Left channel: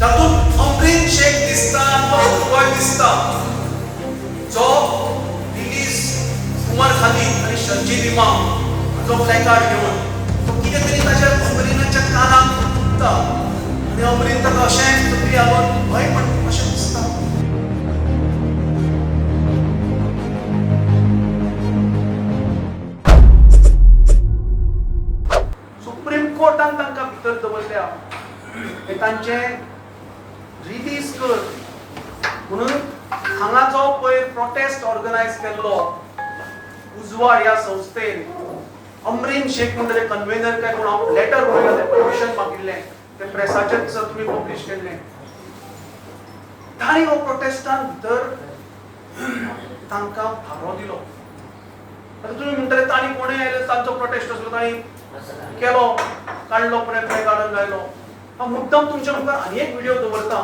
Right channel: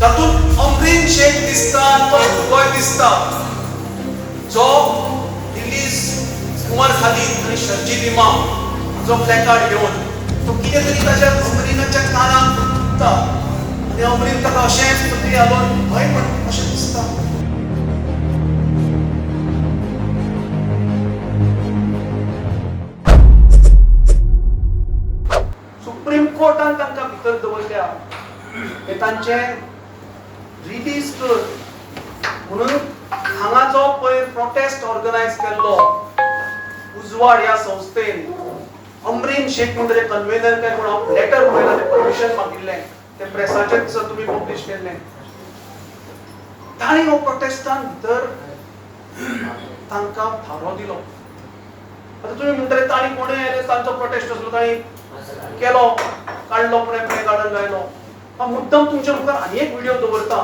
तातूंत अमरीन शेख दिसता तो गोंय दिसता जो रिलीज उमर खालीद आणि शर्जील इमाम जो प्लॅकार्ड घेऊन तो कितें तरी ताच्या अमरीनाच्या कानाक फुकता आणि अमरीन ताका अशेंच तकली घालून भंय म्हणटा अशें दिसता. सुप्रीम कोर्टान तांकां भितर दवरल्या हे तांचे रिलीज कर म्हणून हांगा जो पळय प्रोटेस्ट ऑर्गनायज केल्लो उजवाड ह्या संस्थेन अमरीन शेख म्हणून ताचे कन्व्हेनर काय कोण लेटर बरयलें परमिशन मागिल्लें ते प्रेसाचेर दिसा तुमी पब्लिश केल्लें ताणी हो प्रोटेस्टान भितर तांकां फारो दिलो. आता तुमी म्हणटले ताणी कोणूय आयले तांचो प्रोटेस्ट असलो ताणी केलो काडलो पुणे काडून गायलो. पण मुद्दम तुमच्या मुखार आनी एक व्हिडिओ दवरता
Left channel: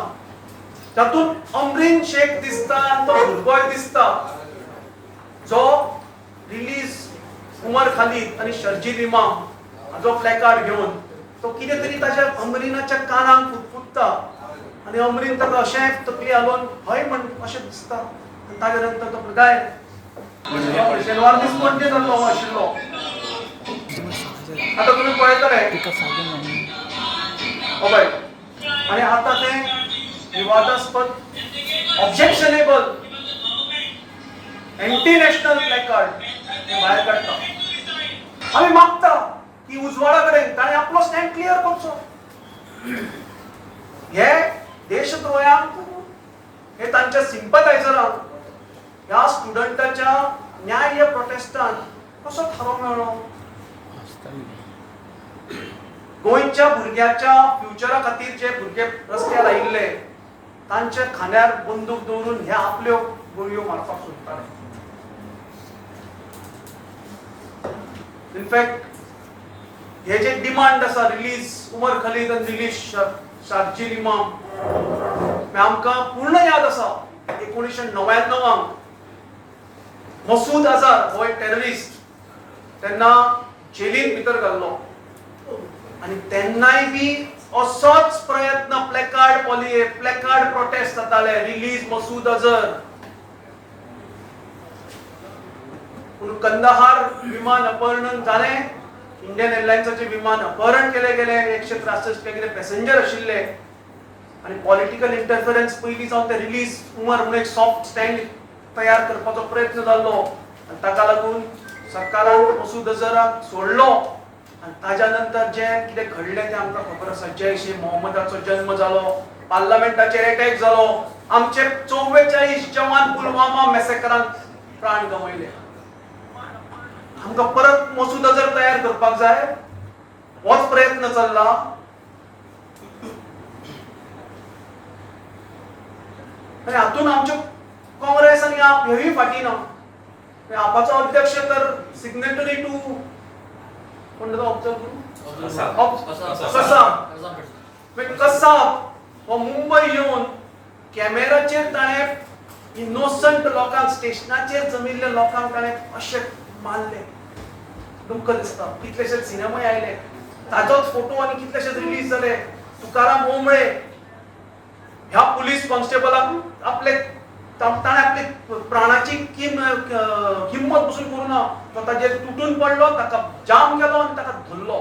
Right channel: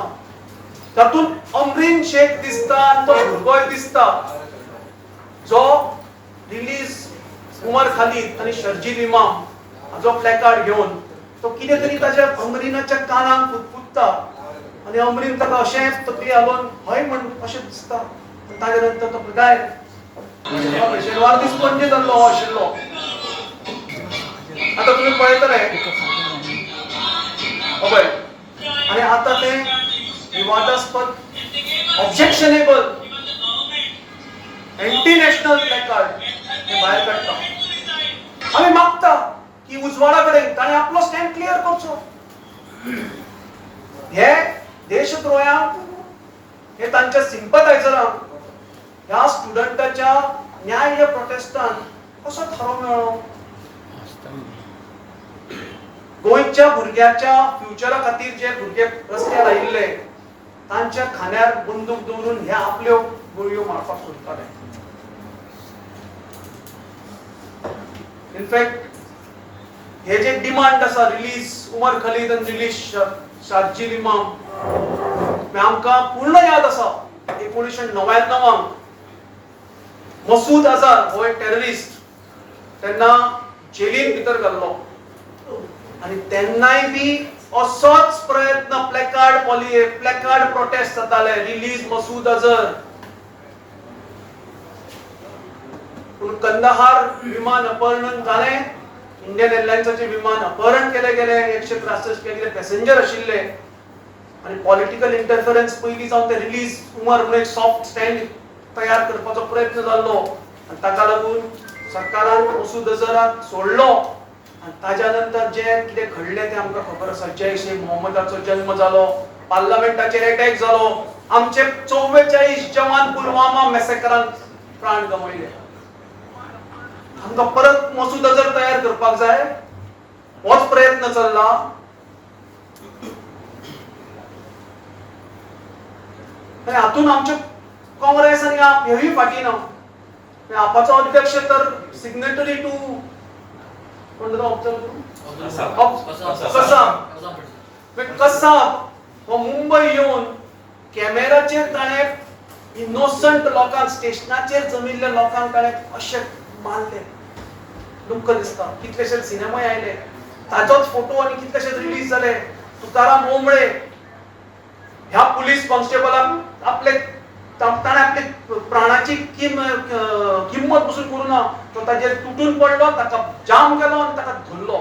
तातूंत अमरीन शेख दिसता तो भुरगोय दिसता जो रिलीज उमर खालीद आणि शर्जील इमाम जो प्लॅकार्ड घेऊन तो कितें तरी ताच्या अमरीनाच्या कानाक फुकता आणि अमरीन ताका अशेंच तकली घालून हय म्हण अशें दिसता. ताजे नंतर तो गाय शेनवार दीस पणजे जाल्लो हो आशिल्लो. आता तुम्ही पळयतले आणि आता ते विवादास्पद ऑब्जेक्शनेबल एंटी नॅशनल प्लॅकार्ड भायर काडटा. आम्ही मागता की उजवाडा कडेन ताणें आपलो स्टँड क्लियर करचो. हे देशद्रोह्यांक हे तांच्या सिंपथायझरांक ह्या स्टुडंटाच्या न्याय प्रोटेस्टान कसो थारो मेळ्ळो. गोंयच्या भुरग्याच्या फ्युचरा खातीर जे भुरगे रस्त्यार आयिल्ले तांच्या खांद्यार बंदूक दवरून हे आपल्यो गोळयो मारपाक सोदताले. इनफॅक्ट हे जे डिमांड आसा रिलीज उमर खालीद आनी रिलीज शर्जील इमाम हे आमकां पूर्ण याद आसा 1999 मसूद अझहर हो एक टेररिस्ट तेन्ना जेलीन भितर घाल्लो आणि तेन्नाय बी असोच प्रयत्न प्लॅकार्ड प्रोटेस्ट जाताले रिलीज मसूद अझहर. पूण कंदाहार विमान अपहरण जालें. इंडियन एअरलायन्साचे विमान अपहरण केले गेले 163 कितें पॅसेंजर आशिल्ले आणि पॉलिटिकल इंटरफरन्स पयलीं जावन ते रिलीज उमर म्हणून एक सॉफ्ट स्टँड तयार करपाचो प्रयत्न जाल्लो आनी ताका लागून सरकारान मसूद अझहराक सोडलो. आणि ताज्या नंतर जे कितें घडलें तें आमकां खबर आसा. जैश ए मोहम्मदाचो जन्म जालो, पार्लमेंटाचेर अटॅक जालो, आमचे 44 जवान पुलवामा मॅसेकरान प्राण गमयले. आमकां परत मसूद अझहर तयार करपाक जाय होच प्रयत्न चल्ला. आनी हातून आमचे काँग्रेस आनी आप हेवूय फाटी ना. आपाचो अध्यक्ष तर सिग्नेटरी टू कसाब हो मुंबई येऊन कॅमेराचेर ताणें इनोसंट लोकांक स्टेशनाचेर जमिल्ल्या लोकांक ताणें अशें मारले. दुख्ख दिसता. कितलेशे सिनेमाय आयले ताजोच फोटो आनी कितलेशेच रिलीज जाले. तुकाराम ओंबळे ह्या पुलीस कॉन्स्टेबलाक ताणें आपली प्राणाची किंमत पसून करूं ना. तो ताजेर तुटून पडलो, ताका जाम केलो आनी ताका धरलो.